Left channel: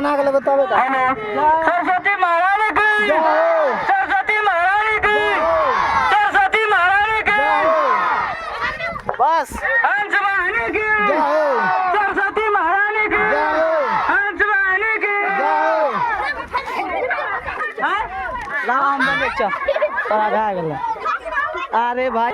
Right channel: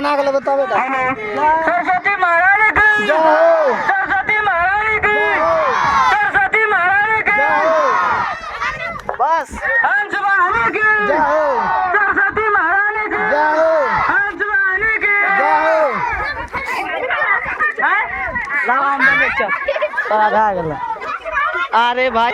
ना गलत बताओ बेटा। सरस्वती महारानी की, सरस्वती महारानी की, सरस्वती महारानी की, बस हंस वाहनी की, जाओ सरस्वती महारानी की, जाओ हंस वाहनी की, जाओ लाओ हम बेचो आधा गला। अरे भाई